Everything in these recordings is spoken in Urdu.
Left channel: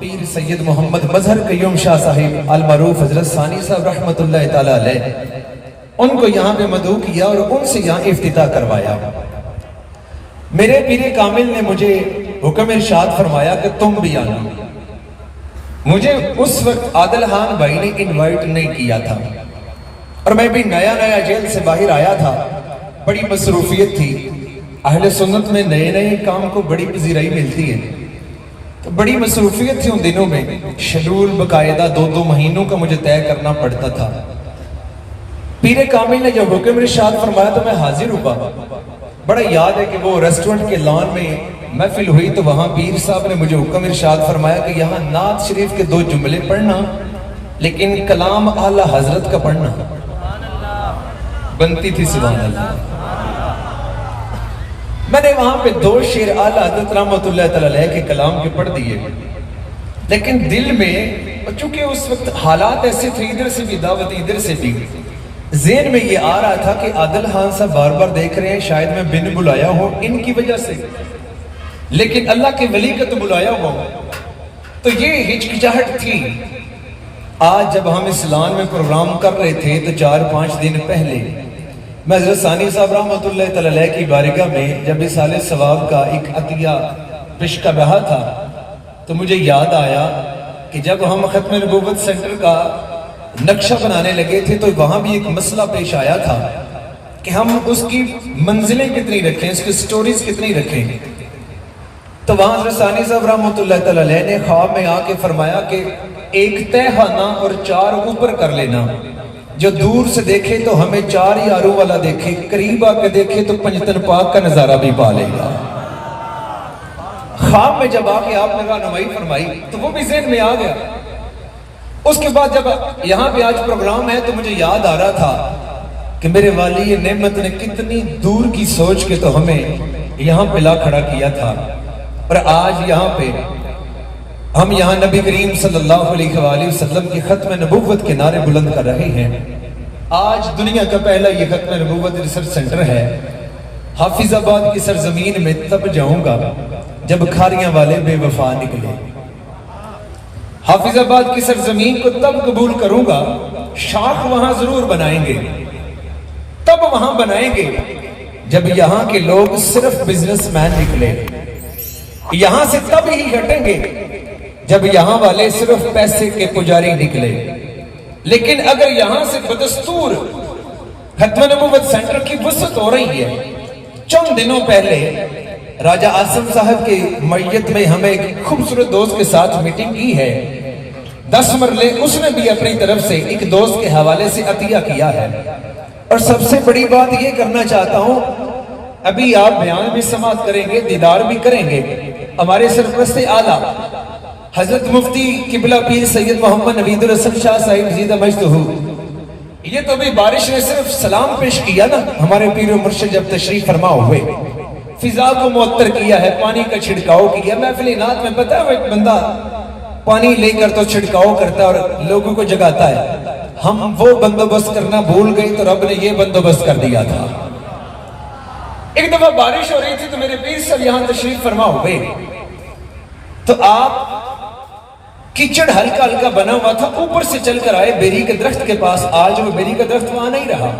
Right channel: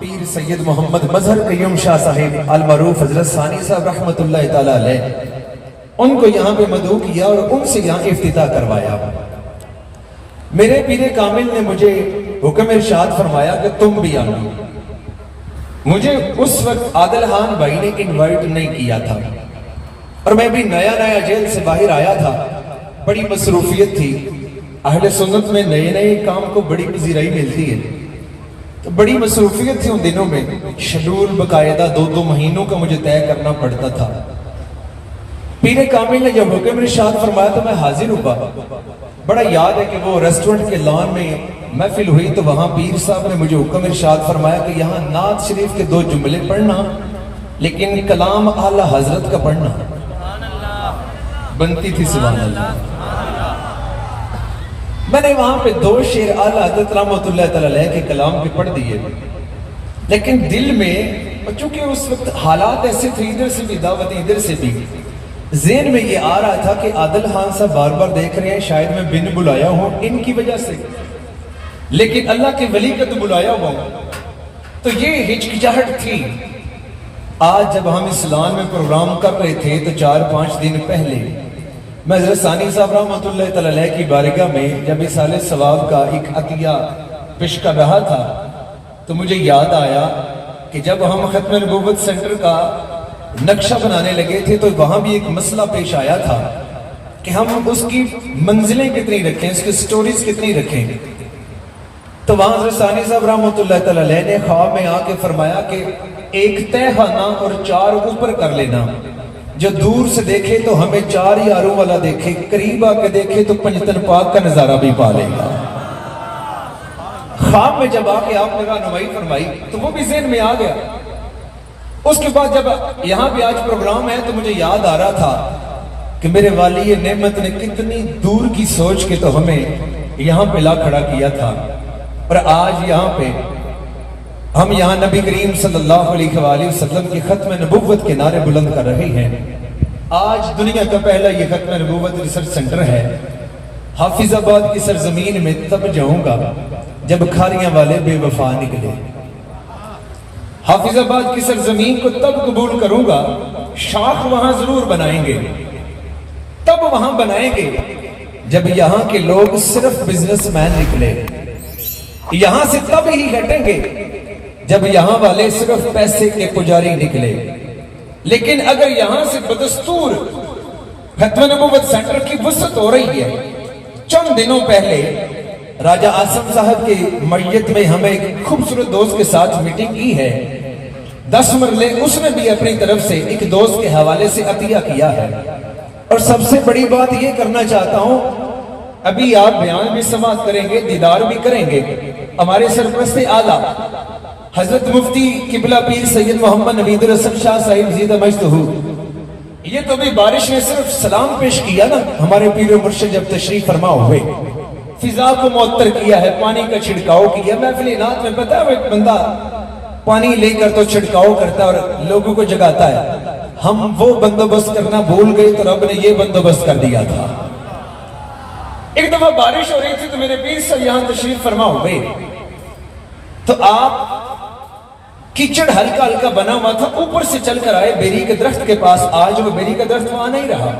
پیر سید محمد مظہر قیوم شاہ صاحب المعروف حضرت ثانی صاحب رحمت اللہ تعالی علیہ، ان کو یہاں پہ مدعو کیا اور ان سے یہاں افتتاح کروایا۔ میرے پیر کامل نے مجھے حکم ارشاد فرمایا کہ تم بھی آنا۔ مجھے اس وقت عادل خان بھائی نے انوائٹ نہیں کیا تھا اور میں بھی نیا جیل سے باہر آیا تھا، بڑی مصروفیت تھی۔ اہل سنت میں نئے کام کو بڑی پذیرائی ملتی ہے، تو بڑی مصروفیت تھی ان دنوں میں، شیڈول باقاعدہ 2 مہینوں کا مجھے طے کرنا پڑتا تھا۔ پیر کامل نے جب حکم ارشاد فرمایا تو میں حاضر ہوا۔ بڑا یاد ہے کہ وہ ریسٹورنٹ کے لان میں محفل ہوئی تو وہاں پیر صاحب نے مجھے حکم ارشاد فرمایا کہ یہاں نعت شریف کے 2 جملے پڑھنا، لیکن کلام اعلیٰ حضرت کا پڑھنا۔ بنتی تھی سبحان اللہ۔ میں نے وہاں پہ 2 شعر اعلیٰ حضرت رحمت اللہ تعالی علیہ کے کلام کے پڑھ دیے، لیکن دل میں چونکہ اس وقت حالات ایسے تھے، ادھر سے بھی دعوت ادھر سے بھی، ذہن میں یہ آ رہا تھا کہ عادل خان صاحب بار بار دیکھ رہے ہیں، شاید میں بن بلایا ہوں ان کی وجہ سے، لیکن اللہ کے ولی کا تو بلایا ہوا، تو یہ ہچکچاہٹ تھی۔ آج جب ہم اسلام میں پروگرام کر رہے تھے تو 4-5 دن پہلے میں حضرت ثانی صاحب رحمت اللہ تعالی علیہ کی بارگاہ میں جب اصال ثواب کا ایک عطیہ پیش کر رہا تھا تو مجھے یاد آیا کہ جب ہم ختم نبوت سینٹر کا نقشہ بنانے لگے تھے تو وہاں بھی ایک مسئلہ پیش آیا تھا کہ ہم اس کی منزلیں کتنی رکھیں، اس کی سٹوریز کتنی رکھیں۔ تو وہاں حضرت ثانی صاحب رحمت اللہ تعالی علیہ نے خواب میں آ کے فرمایا کہ 1 تہہ خانہ اور 4 اوپر کر لینا، جو دور سے دیکھے تو ہمیں 4 یاروں والا دیکھے، قریب آ کے دیکھے تو پنجتن پاک کا نظارہ بھی پا لے گا۔ خواب میں جب آ کے آپ نے رہنمائی فرمائی تو وہ بھی ذہن میں آ گیا۔ اس کے بعد جب یہاں پہ آج پروگرام ہے تو مجھے یاد آ رہا تھا کہ میرے والی نعمت نے کتنی دور کی سوچ کے تو ہمیں یہاں پہ لا کھڑا کیا تھا، اور آج یہاں پہ ہم یہاں نبی کریم صلی اللہ علیہ وآلہ وسلم کی ختم نبوت کے نعرے بلند کر رہے ہیں۔ آج دنیا کا پہلا یہ ختم نبوت ریسرچ سینٹر ہے۔ حافظ آباد کی سرزمین میں تب جاؤں گا جب کھاریاں والے بے وفا نکلے، حافظ آباد کی سرزمین کو تب قبول کروں گا، شاخ وہاں ضرور بنائیں گے، تب وہاں بنائیں گے جب یہاں کے لوگ صرف بزنس مین نکلے، یہاں سے تب ہی ہٹیں گے جب یہاں والے صرف پیسے کے پجاری نکلے۔ لیکن اگر یہاں سے بدستور ختم نبوت سینٹر کی وسعت ہو رہی ہے، چند دنوں پہلے راجہ آسم صاحب کے میت میں ہمیں ایک خوبصورت دوست کے ساتھ میٹنگ کی ہے، 10 مرلے اس نے بھی اپنی طرف سے ایک دوست کے حوالے سے عطیہ کیا ہے۔ اور سب سے بڑی بات یہ کرنا چاہتا ہوں، ابھی آپ بیان بھی سماعت کریں گے، دیدار بھی کریں گے، ہمارے سرپرست اعلیٰ حضرت مفتی قبلہ پیر سید محمد نوید الحسن شاہ صاحب زیدہ مجدہ، یہ تو بھی بارش نے صرف سلام پیش کیا نا، ہمارے پیر و مرشد جب تشریف فرما ہوئے، فضا کو معطر کیا ہے، پانی کا چھڑکاؤ کیا۔ محفل نعت میں پتا ہے ایک بندہ پانی لے کر تو چھڑکاؤ کرتا ہے اور لوگوں کو جگاتا ہے، ہم وہ بندوبست کرنا بھول گئے تو رب نے یہ بندوبست کر دیا تھا۔ ایک دفعہ بارش ہو رہی تھی تو میرے پیر صاحب یہاں تشریف فرما ہوئے، تو آپ کیچڑ ہلکا ہلکا بنا ہوا تھا، اوپر سے چل کر آئے بیری کے درخت کے پاس۔ آج وہ بیری کا درخت وہاں نہیں رہا،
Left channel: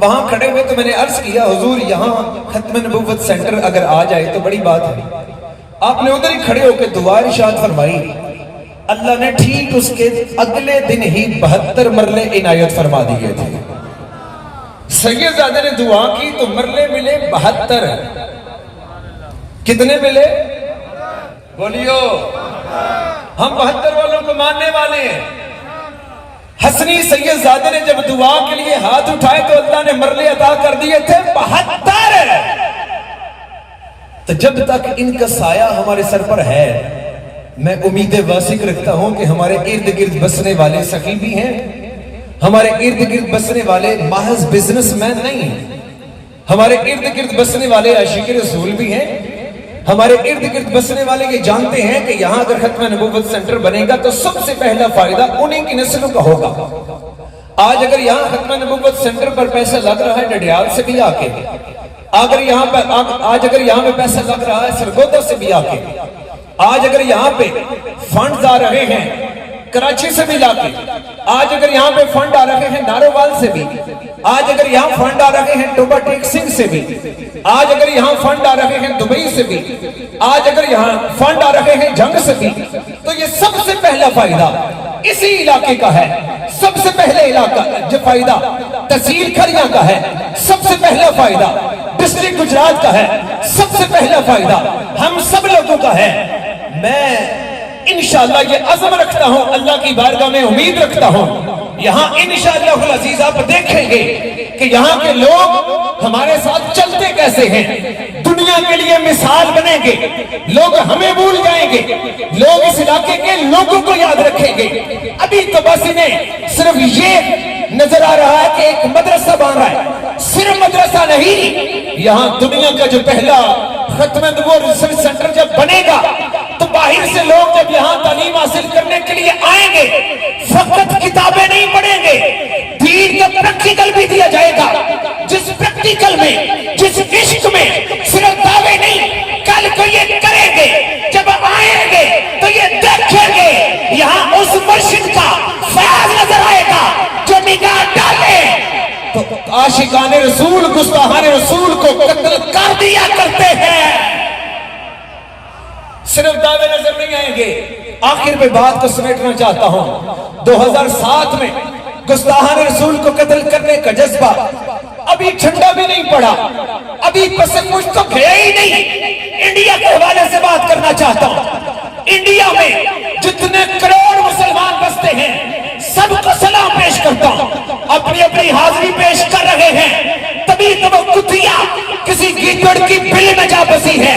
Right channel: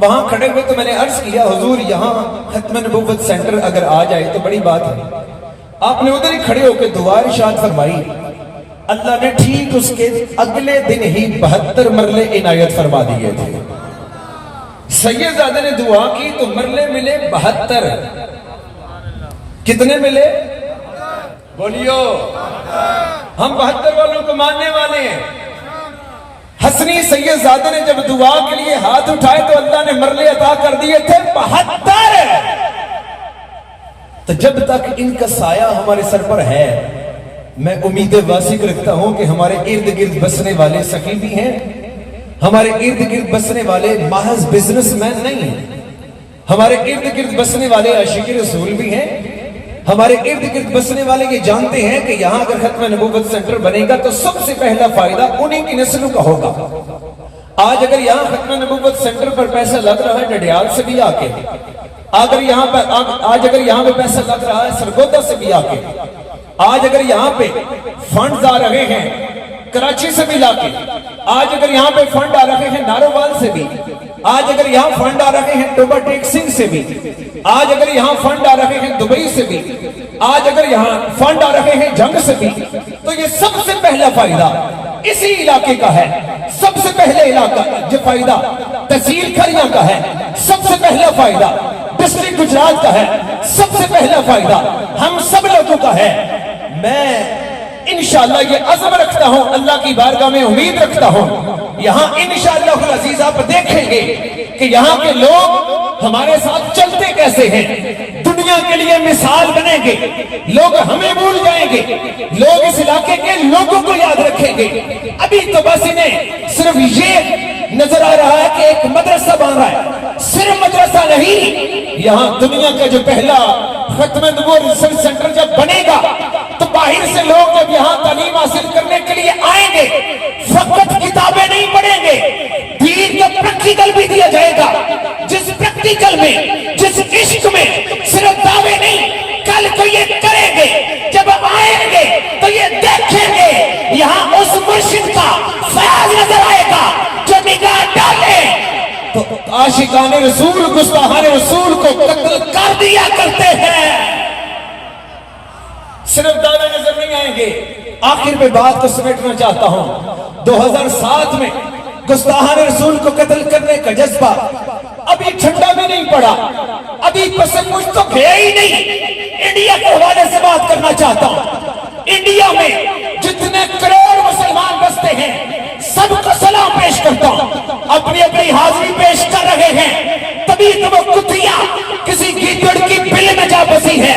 وہاں کھڑے ہوئے تو میں نے عرض کیا حضور یہاں ختم نبوت سینٹر اگر آ جائے تو بڑی بات ہے۔ آپ نے ادھر ہی کھڑے ہو کے دعا ارشاد فرمائی، اللہ نے ٹھیک اس کے اگلے دن ہی 72 مرلے عنایت فرما دیے تھے۔ سید زادہ نے دعا کی تو مرلے ملے 72۔ کتنے ملے؟ بولیو، ہم 72 والوں کو ماننے والے ہیں۔ حسنی سید زادہ نے جب دعا کے لیے ہاتھ اٹھائے تو اللہ نے مرلے عطا کر دیے تھے 72۔ تو جب تک ان کا سایہ ہمارے سر پر ہے، میں امید واسق رکھتا ہوں کہ ہمارے ارد گرد بسنے والے سخی بھی ہیں، ہمارے ارد گرد بسنے والے محض بزنس مین نہیں ہیں، ہمارے ارد گرد بسنے والے عاشق رسول بھی ہیں، ہمارے ارد گرد بسنے والے یہ جانتے ہیں کہ یہاں اگر ختم نبوت سینٹر بنے گا تو سب سے پہلا فائدہ انہی کی نسلوں کا ہوگا۔ آج اگر یہاں ختم نبوت سینٹر پر پیسہ لگ رہا ہے ڈڈیال سے بھی آ کے، آج اگر یہاں پہ پیسہ لگ رہا ہے سرگودا سے بھی آ کے، آج اگر یہاں پہ فنڈز آ رہے ہیں کراچی سے بھی لا کے، آج اگر یہاں پہ فنڈ آ رہے ہیں نارووال سے بھی، آج اگر یہاں فنڈ آ رہے ہیں ٹوبا ٹیک سنگھ سے بھی، آج اگر یہاں فنڈ آ رہے ہیں دبئی سے بھی، آج اگر یہاں فنڈ آ رہے ہیں جنگ سے بھی، تو یہ سب سے پہلا فائدہ اسی علاقے کا ہے۔ سب سے پہلے علاقہ جو فائدہ تحصیل کھریاں کا ہے، سب سے پہلا فائدہ ڈسٹرکٹ گجرات کا ہے، سب سے پہلا فائدہ ہم سب لوگوں کا ہے۔ میں انشاءاللہ یہ عزم رکھتا ہوں، اللہ کی بارگاہ میں امید رکھتا ہوں، یہاں انشاءاللہ العزیز آپ دیکھیں گے کہ یہاں کے لوگ ہمارے ساتھ چلتے کیسے ہیں، دنیا کے لیے مثال بنیں گے، لوگ ہمیں بھول جائیں گے، لوگ اس علاقے کے لوگوں کو یاد رکھیں گے۔ ابھی تو بس انہیں صرف یہ نظر آ رہا ہے کہ ایک مدرسہ بن رہا ہے، صرف مدرسہ نہیں، یہاں دنیا کا جو پہلا ختم نبوت ریسرچ سینٹر جب بنے گا تو باہر سے لوگ جب یہاں تعلیم حاصل کرنے کے لیے آئیں گے، فقط کتابیں نہیں پڑھیں گے، دین کا پریکٹیکل بھی دیا جائے گا، جس پریکٹیکل میں، جس عشق میں صرف دعوے نہیں، کل کو یہ کریں گے، جب آئیں گے تو یہ دیکھیں گے یہاں اس مرشد کا فیض نظر آئے گا جو نگاہ ڈالے تو عاشقان رسول گستاخان رسول کو قتل کر دیا کرتے ہیں۔ صرف دعوے نظر نہیں آئیں گے۔ آخر میں بات کو سمیٹنا چاہتا ہوں، 2007 میں گستاخان رسول کو قتل کرنے کا جذبہ ابھی ٹھنڈا بھی نہیں پڑا، ابھی پس مجھ تو گیا ہی نہیں۔ انڈیا کے حوالے سے بات کرنا چاہتا ہوں، انڈیا میں جتنے کروڑ مسلمان بستے ہیں سب کو سلام پیش کرتا ہوں، اپنی اپنی حاضری پیش کر رہے ہیں۔ تبھی تو وہ کتیا کسی گیدڑ کی بل میں جا بسی ہے،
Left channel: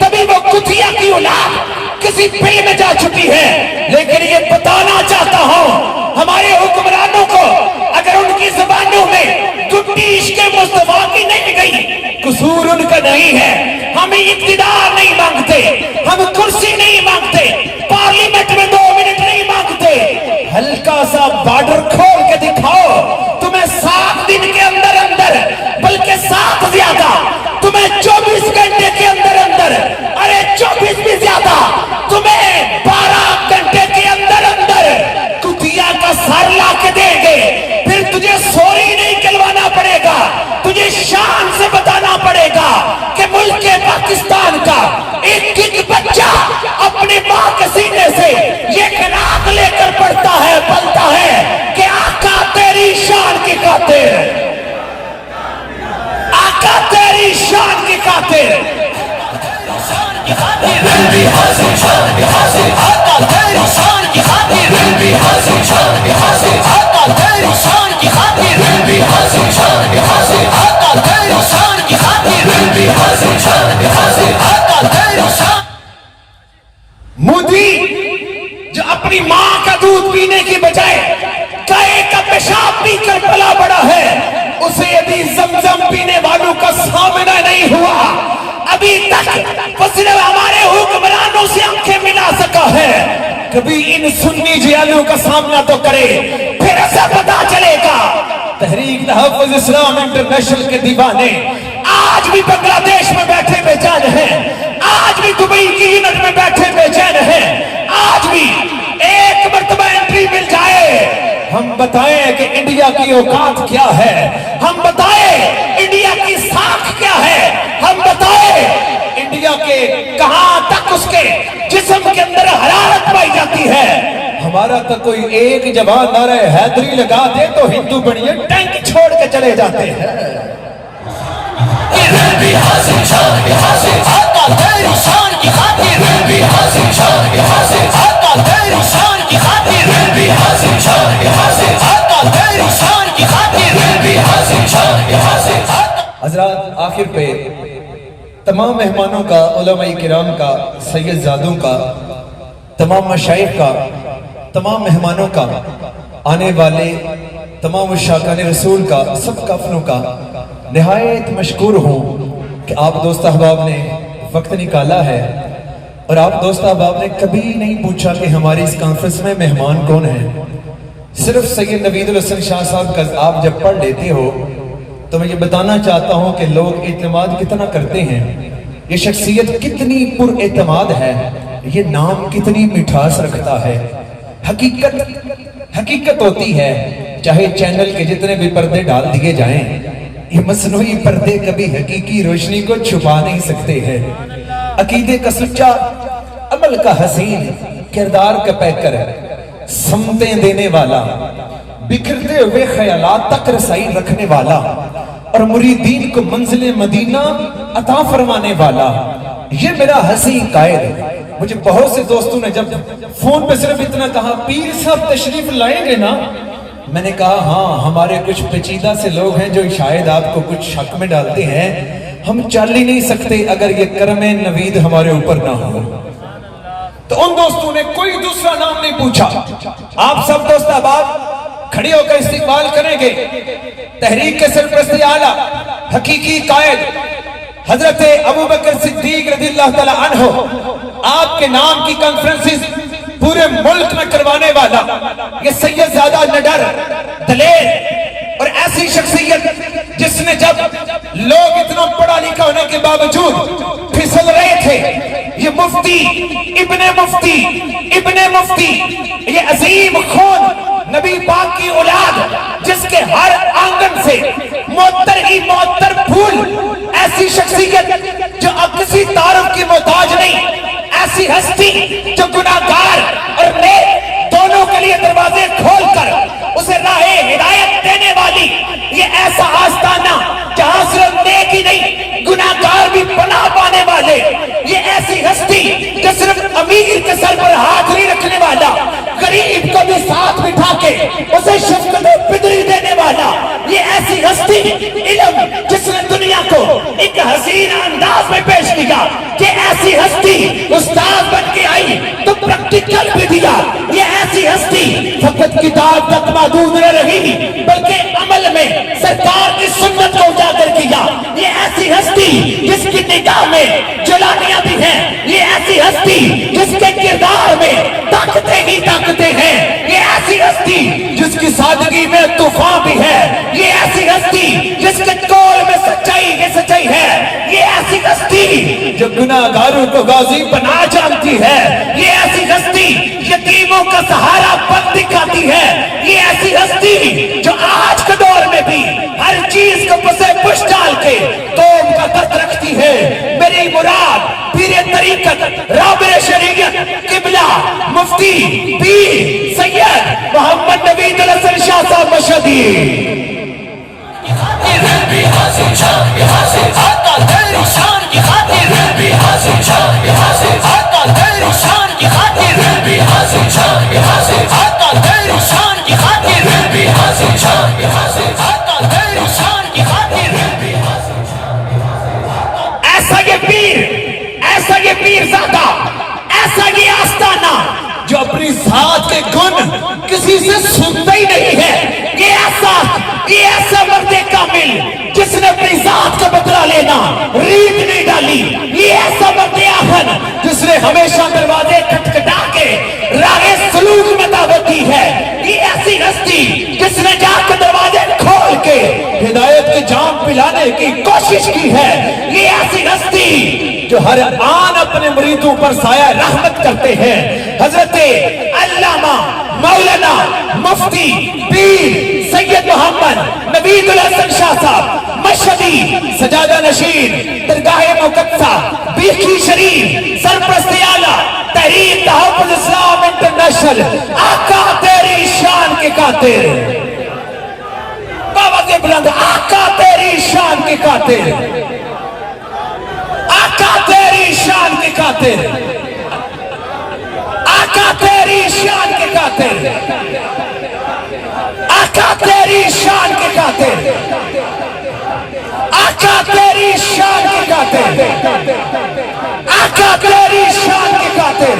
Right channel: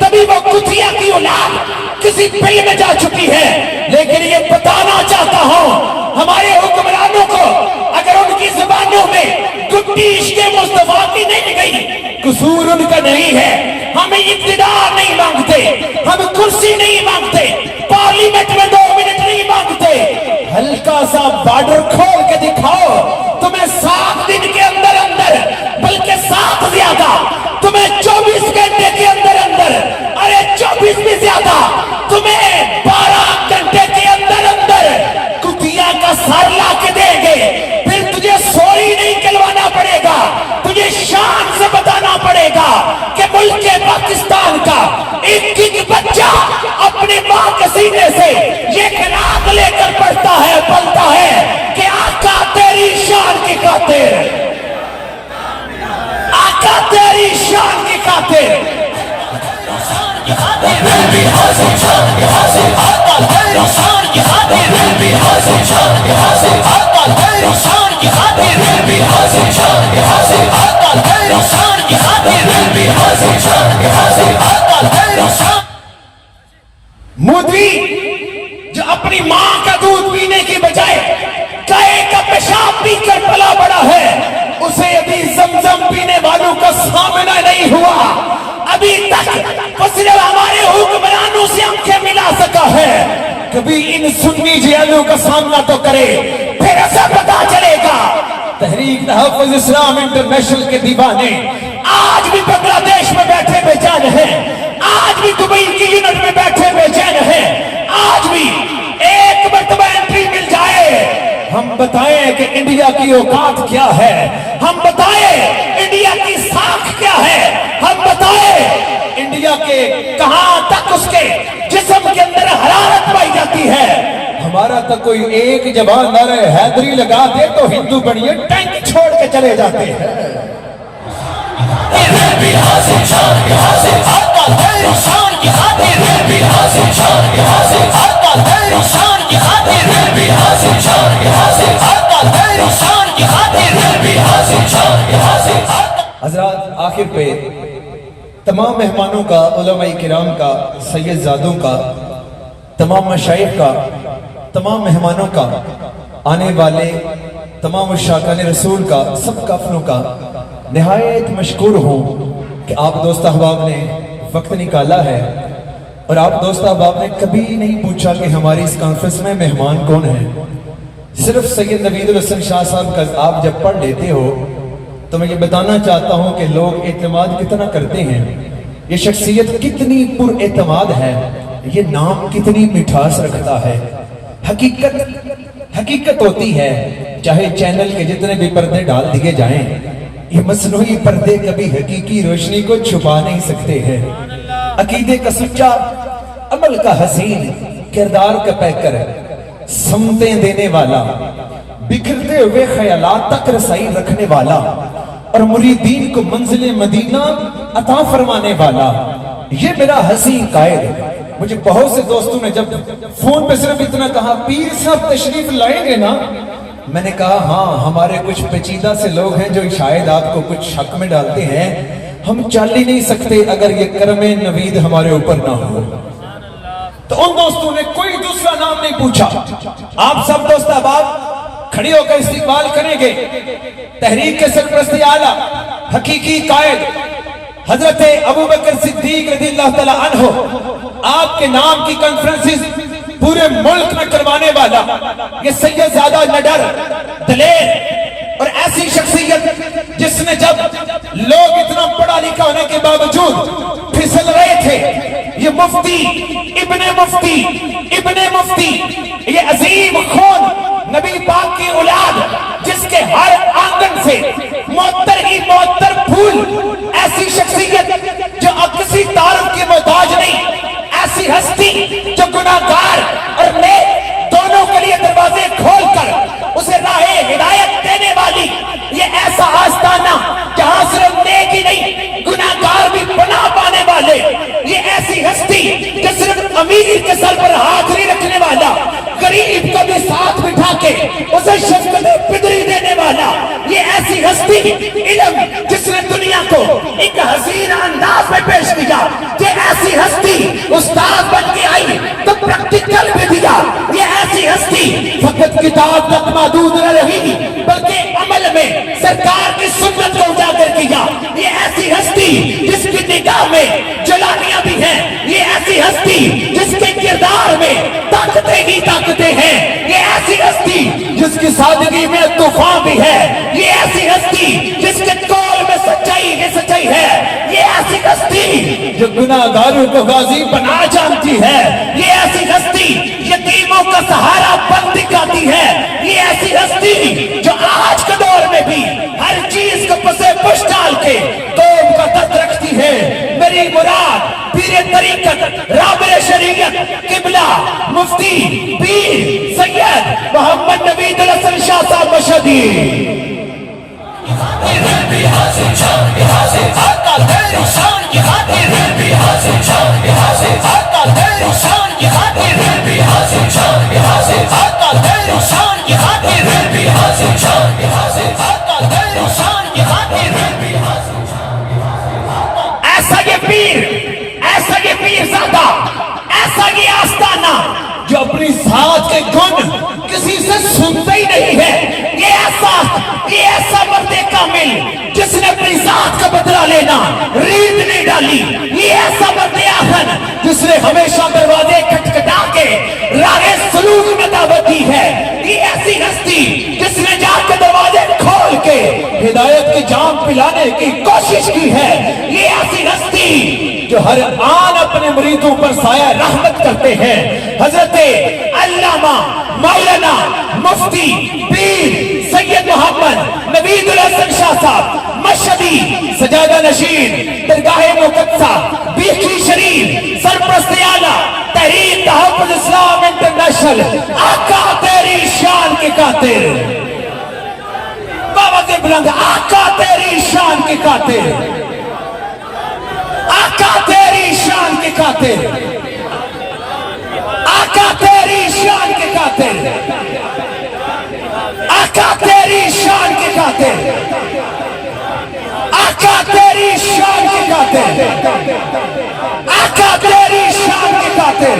تبھی وہ کتیا کی اولاد کسی بل میں جا چکی ہے۔ لیکن یہ بتانا چاہتا ہوں ہمارے حکمرانوں کو، اگر ان کی زبانوں میں گڈی عشق مصطفیٰ کی نہیں گئی، قصور ان کا نہیں ہے۔ ہم اقتدار نہیں مانگتے، ہم کرسی نہیں مانگتے، پارلیمنٹ میں 2 منٹ نہیں مانگتے، ہلکا سا بارڈر کھول کے دکھاؤ، تمہیں 7 دن کے اندر اندر، بلکہ 7 زیادہ، تمہیں 24 گھنٹے کے اندر اندر، ارے 24 بھی زیادہ، تمہیں 12 گھنٹے کے اندر اندر کتیا کا سر لا کے دیں گے۔ پھر تجھے سوری نہیں کلوانا پڑے گا، تجھے شان سے بتانا پڑے گا کہ ملک پاکستان کا ایک ایک بچہ اپنی ماں کے سینے سے یہ خراج لے کر پڑھتا ہے، پلتا ہے کہ آقا تیری شان کی خاطر، آقا تیری شان کی خاطر، مودی جو اپنی ماں کا دودھ پینے کی بجائے گائے کا پیشاب پی کر پلا بڑا ہے، اسے ابھی زمزم پینے والوں کا سامنا نہیں ہوا، ابھی تک وہ صرف ہمارے حکمرانوں سے آنکھیں ملا سکا ہے۔ کبھی ان سنی جیلوں کا سامنا تو کرے، پھر ایسا پتا چلے گا۔ تحریک تحفظ اسلام انٹرنیشنل کے دیوانے آج بھی بنگلہ دیش میں بیٹھے بے چین ہیں، آج بھی دبئی کی یونٹ میں بیٹھے بے چین ہیں، آج بھی ایک مرتبہ انٹری مل جائے، ہم بتائیں کہ انڈیا کی اوقات کیا ہے، ہم بتائیں انڈیا کی ساکھ کیا ہے، ہم بتائیں انڈیا کے کہاں تک اس کے جسم کے اندر حرارت پائی جاتی ہے۔ ہمارا تو کوئی ایک جوان نعرہ حیدری لگا دے تو ہندو بڑھئے ٹینک چھوڑ کے چلے جاتے ہیں۔ حضرات، آخر پہ تمام مہمانوں کا، علماء کرام کا، سید زادوں کا، تمام مشائخ کا، تمام مہمانوں کا، آنے والے تمام عشاقان رسول کا، سب کافروں کا نہایت مشکور ہوں کہ آپ دوست احباب نے وقت نکالا ہے، اور آپ دوست احباب نے کبھی نہیں پوچھا کہ ہماری اس کانفرنس میں مہمان کون ہیں۔ صرف سید نوید الحسن شاہ صاحب کا آپ جب پڑھ لیتے ہو تو میں یہ بتانا چاہتا ہوں کہ لوگ اعتماد کتنا کرتے ہیں، یہ شخصیت کتنی پر اعتماد ہے یہ نام کتنی مٹھاس رکھتا ہے. حقیقت ہوتی ہے چاہے چینل کے جتنے بھی پردے ڈال دیے جائیں، یہ مصنوعی پردے کبھی حقیقی روشنی کو چھپا نہیں سکتے ہیں. عقیدے کا سچا، عمل کا حسین، کردار کا پیکر، سمتیں دینے والا، بکھرتے ہوئے خیالات تک رسائی رکھنے والا اور مریدین کو منزل مدینہ عطا فرمانے والا، یہ میرا حسین قائد. مجھے بہت سے دوستوں نے جب فون پہ صرف اتنا کہا پیر صاحب تشریف لائیں گے نا، میں نے کہا ہاں، ہمارے کچھ پیچیدہ سے لوگ ہیں جو شاید آپ کو کچھ شک میں ڈالتے ہیں. ہم چل ہی نہیں سکتے اگر یہ کرم نوید ہمارے اوپر نہ ہو. تو ان دوستوں نے کوئی دوسرا نام نہیں پوچھا. آپ سب دوست احباب کھڑی ہو کر استقبال کریں گے تحریک کے سرپرستی اعلیٰ حقیقی قائد حضرت ابوبکر صدیق رضی اللہ تعالیٰ عنہ. آپ کے نام کی کانفرنسز پورے ملک میں کروانے والا یہ سید زادہ نڈر، دلیر اور ایسی شخصیت جس نے جب لوگ اتنا پڑھا لکھا ہونے کے باوجود پھسل رہے تھے، یہ مفتی ابن مفتی یہ عظیم خون نبی پاک کی اولاد، جس کے ہر آنگن سے معطر ہی معطر پھول، ایسی شخصیت جو اب کسی تعارف کی محتاج نہیں، ایسی ہستی جو گناہگار اور نیک دونوں کے لیے دروازے کھول کر اسے راہ ہدایت دینے والی، یہ ایسا آستانہ جہاں صرف نیک ہی نہیں گناہگار بھی پناہ پانے والے، یہ ایسی ہستی جو صرف امیر کے سر پر ہاتھ نہیں رکھنے والا، غریب کو بھی ساتھ بٹھا کے اسے شفقت و پدری دینے والا، یہ ایسی ہستی علم جس نے دنیا کو ایک حسین انداز میں پیش کیا، یہ ایسی ہستی استاد بن کے آئی تو پریکٹیکل بھی دیا، یہ ایسی ہستی فقط کتاب تک محدود نہ رہی بلکہ عمل میں سرکار کی سنت کو اجاگر کیا، یہ ایسی ہستی جس کی نگاہ میں جلانیاں بھی ہیں، یہ ایسی ہستی جس کے کردار میں طاقتیں ہی طاقتیں ہیں، یہ ایسی ہستی جس کی سادگی میں طوفان بھی ہے، یہ ایسی ہستی جس کے قول میں سچائی ہی سچائی ہے، یہ ایسی ہستی جو گناہگاروں کو غازی بنا جانتی ہے، یہ ایسی ہستی یتیموں کا سہارا بن دکھاتی ہے، یہ ایسی ہستی جو آج کے دور میں بھی ہر چیز کو پسے پش ڈال کے قوم کا درد رکھتی ہے. میری مراد پیر طریقت رابع شریعت قبلہ مفتی پیر سید محمد نوید الحسن شاہ صاحب مشہدی. ایسا یہ پیر زادہ، ایسا یہ آستانہ جو اپنی ذات کے گن کسی سے سنتا ہی نہیں ہے، یہ ایسا مرد کامل جس نے اپنی ذات کا بدلہ لینا ریت نہیں ڈالی، یہ ایسا مرد آخر جس نے ہمیشہ دروازے کھٹکھٹا کے راہ سلوک میں دعوت دی ہے، یہ ایسی ہستی جس نے جا کے دروازے کھول کے ہدایت کی جام پلانے کی کوشش کی ہے، یہ ایسی ہستی جو ہر آن اپنے مریدوں پر سایہ رحمت کرتے ہیں. حضرت علامہ مولانا مفتی پیر سید محمد نوید الحسن شاہ صاحب مشہدی سجادہ نشین درگاہ مقدسہ بیکھی شریف سرپرست اعلیٰ تحریک تحفظ اسلام انٹرنیشنل، آقا تیری شان کے قاتل، بابا سے بلند آقا تیری شان کے قاتل، آقا تیری شان کے قاتل، آقا تیری شان کے قاتل، آقا تیری شان کے قاتل، آقا تیری شان کے قاتل، آقا تیری شان کے قاتل.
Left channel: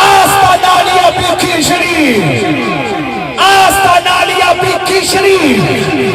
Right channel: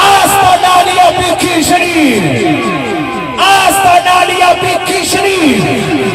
آستانہ علیہ بیکھی شریف، آستانہ علیہ بیکھی شریف